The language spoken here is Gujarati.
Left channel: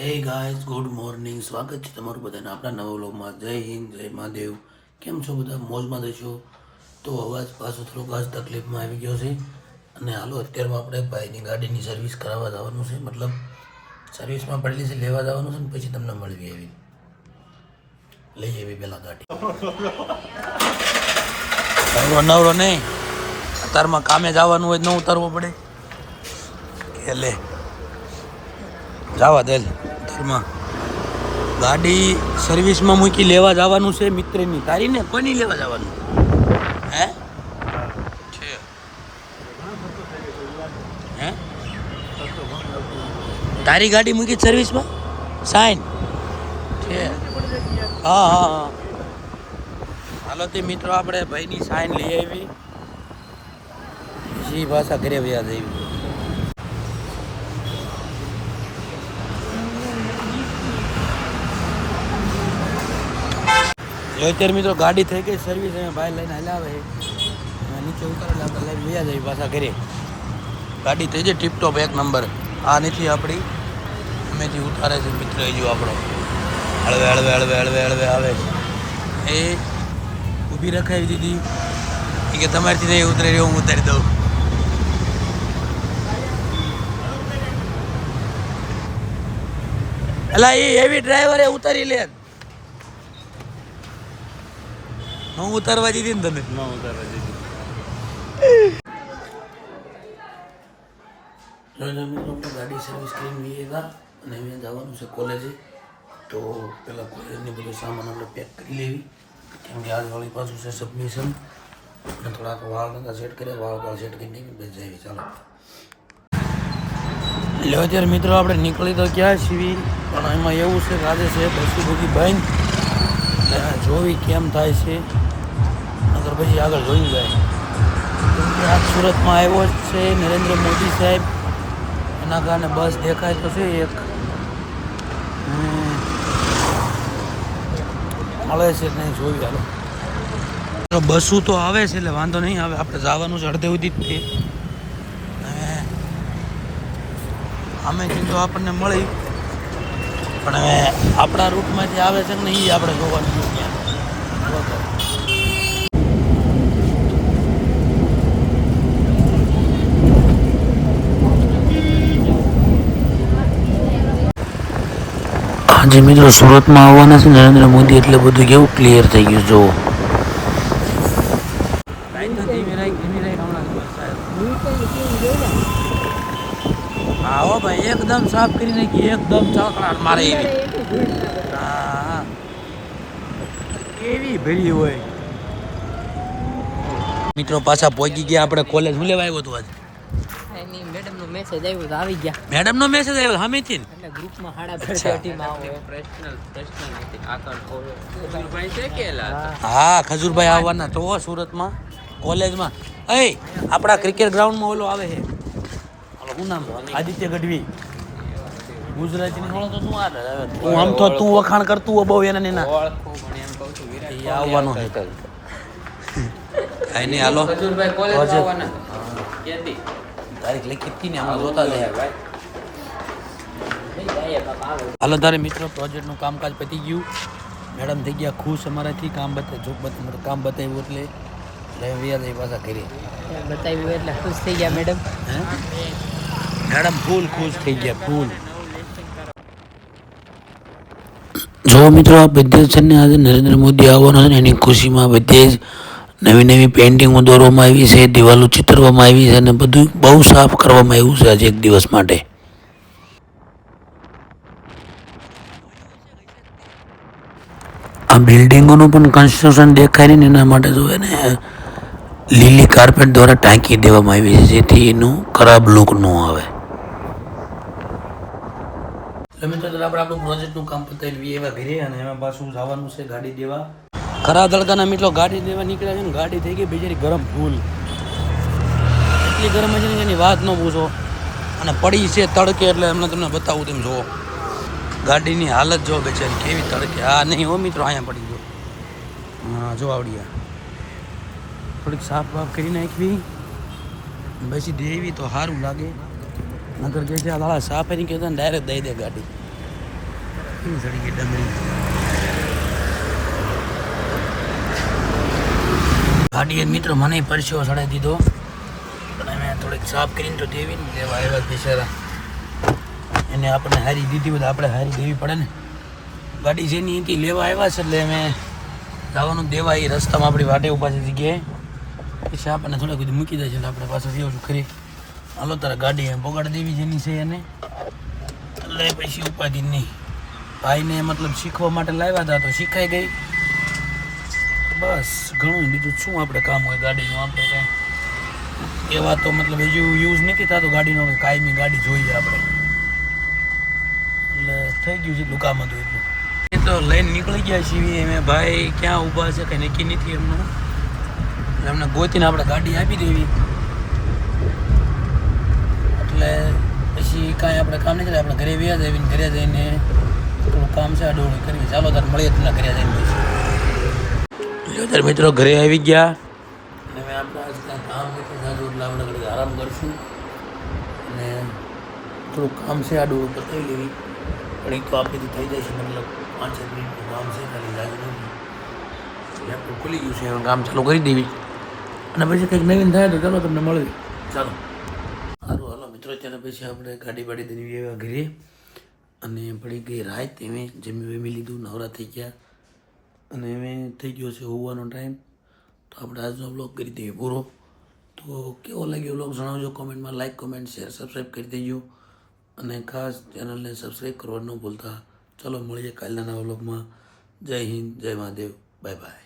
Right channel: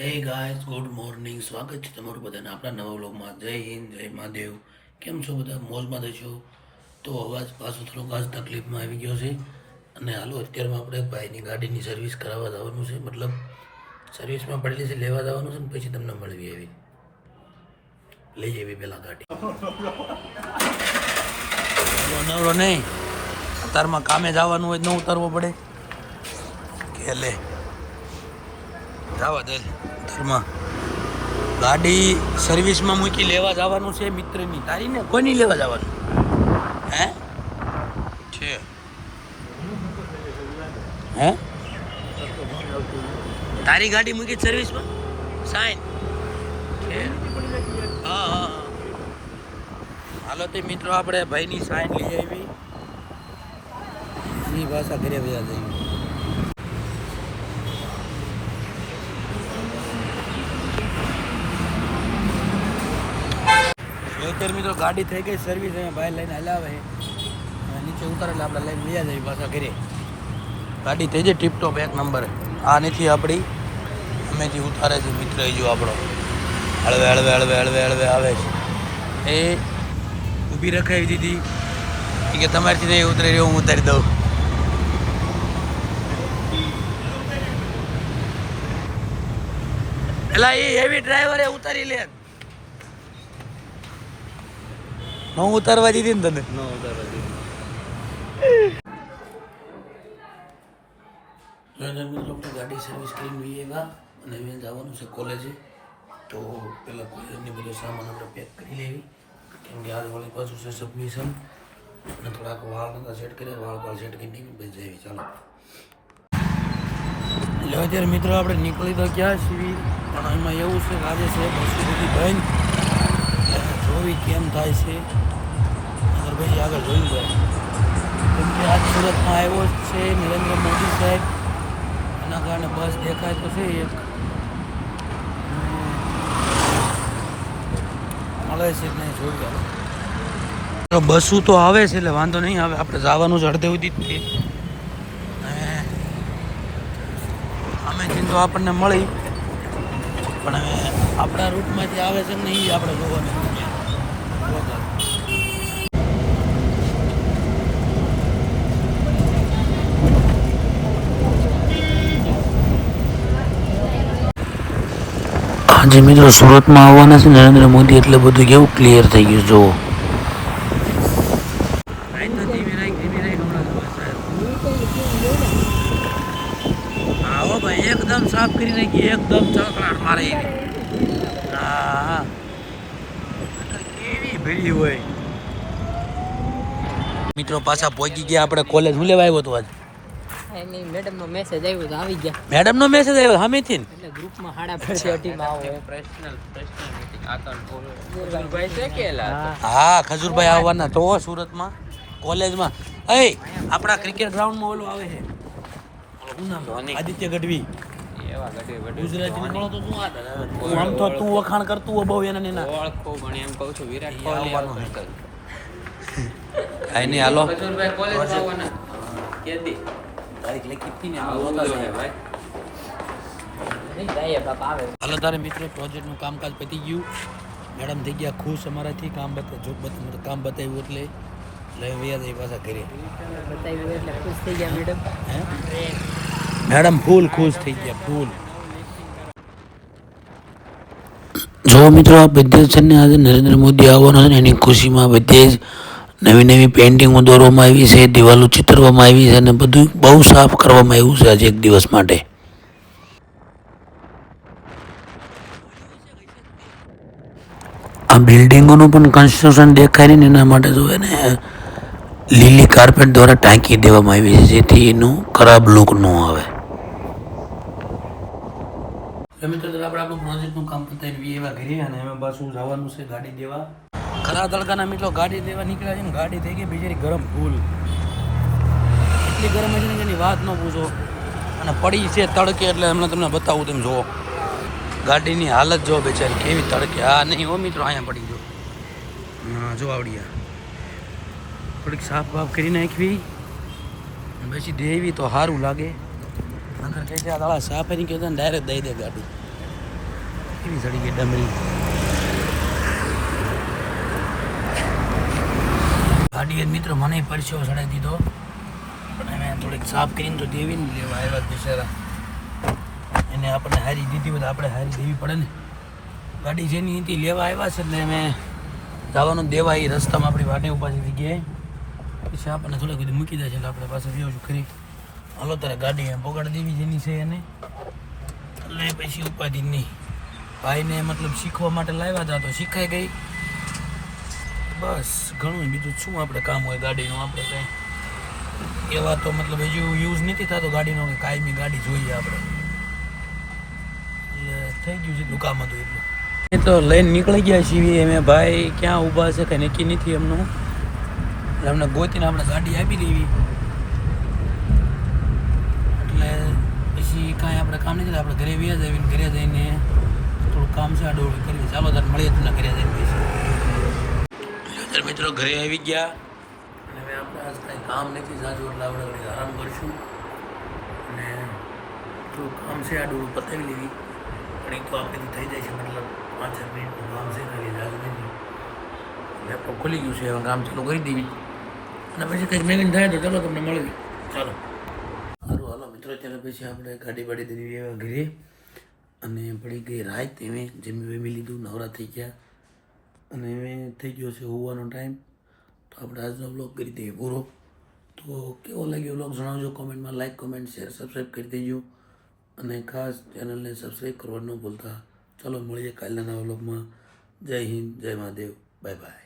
હે ગાઈઝ ગુડ મોર્નિંગ સ્વાગત છે તમારું બધાને આપણા નવા વ્લોગમાં. જય હિન્દ, જય મહાદેવ. કેમ છો બધા? મોજમાં દેશો તો અવાજ પાછો થોડો ખાસ તકલીફમાં આવી ગયો છે. અને હાલો, અત્યારમાં આપણે ભાઈની ગાડીની સર્વિસ કરાવવા જવાનું છે. મતલબ સર્વિસમાં પડેલી છે, લેવા જવાનું છે ને પછી તમને મળવી એવી. લઈ આવી પહેલાં ગાડી. નવરો નહીં. અત્યારમાં કામે જવાનું હોય ન ઉતારવો પડે. કે લે. જવા દેલ ધર્મા ગાડી સર્વિસમાં મૂકી લેવા જવાનું છે મિત્રની. તારી ને કોની લેવા જવાનું? હે? છે. હે? તારી ગાડી મૂકી સર્વિસમાં? સાઈન. છે. હા હા હા. હાલો તે મિત્રો આપણે ભાઈની સાઈન લઈ આવી. જી ભાષા ઘરે વ્યાજ આવી. અત્યારે મિત્રો ગાડી થઈ ગઈ સર્વિસ અમે ભાઈ લઈને હલાવે છે નીચે ઉતારે એટલે આપણે લઈને વયા જઈએ પાછા ઘરે. ગાડી થઈ જાય ટીપટોપ એક નંબર આ નથી આપણી. અમેથી ઉતારે છે મિત્ર જો આપણો. હળવે હળવે હળવે હળવે હળવે, આવે. છે એ ઊભી રખાવી દીધી. એ કે તમારીથી નહીં ઉતરે એવું હું ઉતારી દઉં. એલા, એ એવી ડ્રાઈવરે ઉતારી લે. ન ઉતારવા દીધી ને તને? ન ઉતારવા દીધી મિત્રો ગાડી સર્વિસ કરીને એવા અને અહીંયા જવાનું છે કોલેજે તો પહેલાં કોલેજની બધો સામાન આપણે પેક કરી લેવી. કેમ કે આજ વાળી પાછું છે સબમિશન અને થોડાક વાળ નતા સેટ કર્યા વાળ વાળ સેટ કરીને બે જઈએ ચાલો. એટલે અત્યારે મિત્રો આપણે નીકળી તો ક્યાં છીએ? પણ એમાં એવું છે કે આજે છે બસી બધી બંધ. જોવી કેમ થાય છે? અગર પછી આગળ જોયું જાય. કેમ કે આ સુરતમાં આવ્યો જ છે નરેન્દ્ર મોદી સાહેબ. એના કારણે બસ દેખાય તો છે એક. આવે છે ને જોઈ હાલો. બસું તો આવે છે એટલે વાંધો નહીં આવે આપણે જવાનું છે અડધે સુધી જ તે અમે ચિંતો આપણને મળી. પણ હવે આપણા રૂટમાંથી આવે છે ને એ આપણે જોવાનું છે. જો મિત્રો, સુરતમાં આવવાના છે નરેન્દ્ર મોદી એટલે બધું કેવું ક્લિયર થઈ ગયું જુઓ આવો ભાઈ એકદમ સાફ કરી નાખી એકદમ ચકડાટ મારે. એવી હા. કેવી ભીડી હોય. મિત્રો પાછા પહોંચી ગયા આપણે કોલેજ હું લેવા આવ્યો હતો આજે? એની મેડમનો મેસેજ આવ્યો તો આવી ગયા. મેડમ નો મેસેજ આવ્યો સામેથી એટલે ગ્રુપમાં હાડા ભેગા ટીમ આવે પર્સનલ પર્સનલ ખજૂરભાઈ કે હા ખજુરભાઈ આવવાના તો સુરતમાં કોલેજમાં એ આપણા ક્રિકેટ ગ્રાઉન્ડમાં ઓલો આવે છે. શું નામ આદિત્ય ગઢવી. ગુજરાતી નો તો શું આવે તું આમ તો તું વખાણ કરતું બહુ એના ને ઓળખો પણ એમ કહું છું વિરાટ આવવાનો છે કાંઈ નહીં હાલો. ખજૂરભાઈ કોલેજ. આવવાના. કેદી. તારીખ લખી હતી ને આમાં જોતા જાય હાલો તારે મિત્રો પ્રોજેક્ટનું કામકાજ પતી ગયું. મેડમ થઈ ગયા ખુશ અમારાથી કામ બતા જોબ કામ બતાવ્યું એટલે લઈ વ્યા જઈ પાછા કરીએ બતાવ્યું એટલે ખુશ થઈ ગયા મેડમ. હે? મેડમ, ફૂલ ખુશ થઈ ગયા, ફૂલ. જો મિત્રો, આ બધે છે ને આજે નરેન્દ્ર મોદી આવવાનો છે ને, એની ખુશીમાં બધે જ નવી નવી પેઇન્ટિંગો દોરવામાં આવી છે, દિવાલો ચિતરવામાં આવી છે અને બધું બહુ સાફ કરવામાં આવ્યું છે આજે એક દિવસ માટે. આ બિલ્ડિંગોનું પણ કન્સ્ટ્રક્શન દેખાય ને, એના માટે જો એને લીલી કાર્પેટ દ્વારા ટાંકી દેવામાં આવી છે, જેથી એનું ખરાબ લુક ન આવે. મિત્રો તો આપણે આપણું પ્રોજેક્ટનું કામ પતાવી એવા ઘરે અને એમાં પાછું જવાનું છે ગાડી દેવા. ખરા તડકાના મિત્રો, ગાડી દેવા નીકળ્યા છે ને ગાડી થઈ ગઈ બિચારી ગરમ ભૂલ. એટલી ગરમ છે ને એની વાત ન પૂછો. અને પડી છે તડકે એટલે એમને તમને બતાવું તેમ જુઓ ગાડીની હાલત જો બેચારી, કેવી તડકે. આ નહીં હો મિત્રો, અહીંયા પડી જો હા, જો આવડી થોડીક સાફ બાફ કરી નાખવી. પછી દેવી તો સારું લાગે. નગર છે આ સાફ એની કહેતા ને ડાયરેક્ટ દઈ દે ગાડી. કેવી સડી ગઈ ડમરી. ગાડીએ મિત્ર મને પરસ્યો સડાઈ દીધો. પણ અમે થોડીક સાફ કરીને તો દેવી ને લેવા આવ્યા બિચારા. એને આપણે હારી દીધી તો આપણે હારી દેવી પડે ને. ગાડી જેની અહીંથી લેવા આવ્યા છે એટલે અમે જવાનું દેવા એ રસ્તામાં આપણી વાટે છે જગ્યાએ. પછી આપણને થોડાક બધું મૂકી દે છે એટલે આપણે પાછું છું ખરી હાલો, તારા ગાડી એમ પોગાડી દેવી જેની છે એને. એટલે પછી ઉપાધિ નહીં. ભાઈને મતલબ શીખવા માટે લાવ્યા હતા તો શીખાઈ ગઈ. બસ, ઘણું બીજું શું આપણે કામ હોય, ગાડીનું આપણે કાંઈ. એવા તો મતલબ હજુ યુઝ નથી થતો ગાડીનો કાયમી ગાડી જોઈએ આપણે. એટલે થઈ ગયું છે એટલું કામ હતું એટલું. એ તો લઈને નીકળી ગયા છીએ અમે ભાઈ, ક્યાં ઊભા છે કંઈ નક્કી નથી એમનું. એટલે એમને ગોતીને આપણે ગાડી આપી દેવી. એટલે પછી કાંઈ આપણે કામ નહીં કરે આપણે ઘરે વ્યા જઈને ઘરે જઈને થોડું કામ છે આડોળું કર્યું ચાલો તાર મળીએ તમને ઘરે જઈને પછી. અત્યારે મિત્રો ઘરે આવી ગયા. અને હવે આપણે આજ કાંઈ કામ નથી જાજુ એટલે આપણે ઘડી આરામ કરીશું. અને થોડું કામ છે આડું પતાવી લેવી. પણ એ તો આપણેથી થઈ જાય છે મતલબ પાંચ સાત મિનિટનું કામ છે ખાલી જાજુ નથી. લેપટોપ ખુલી ગયું છે હવે કામ ચાલુ કરી દેવી. અને પછી કંઈક નવીન થાય તો ચાલો તમને મળે ચાલો. મિત્રો અત્યારે પછી આપણે ગાડી બાડી દેવી આવ્યા ઘરે અને પડી ગઈ રાત, એમે જમી વેમી લીધું, નવરા થઈ ગયા. અને હવે થઈ ગયો છે હોવાનો ટાઈમ તો આપણે આજનો બ્લોગ કરી દઈએ પૂરો. તો કેવો લાગ્યો બ્લોગ જણાવજો કોમેન્ટમાં લાઈક કોમેન્ટ શેર સબસ્ક્રાઈબ કરી દેજો. અને ખાસ ચેનલને સબસ્ક્રાઈબ કરવા ન ભૂલતા. ચાલો, મળીએ કાલના નવા બ્લોગમાં જય હિન્દ, જય મહાદેવ. Bye bye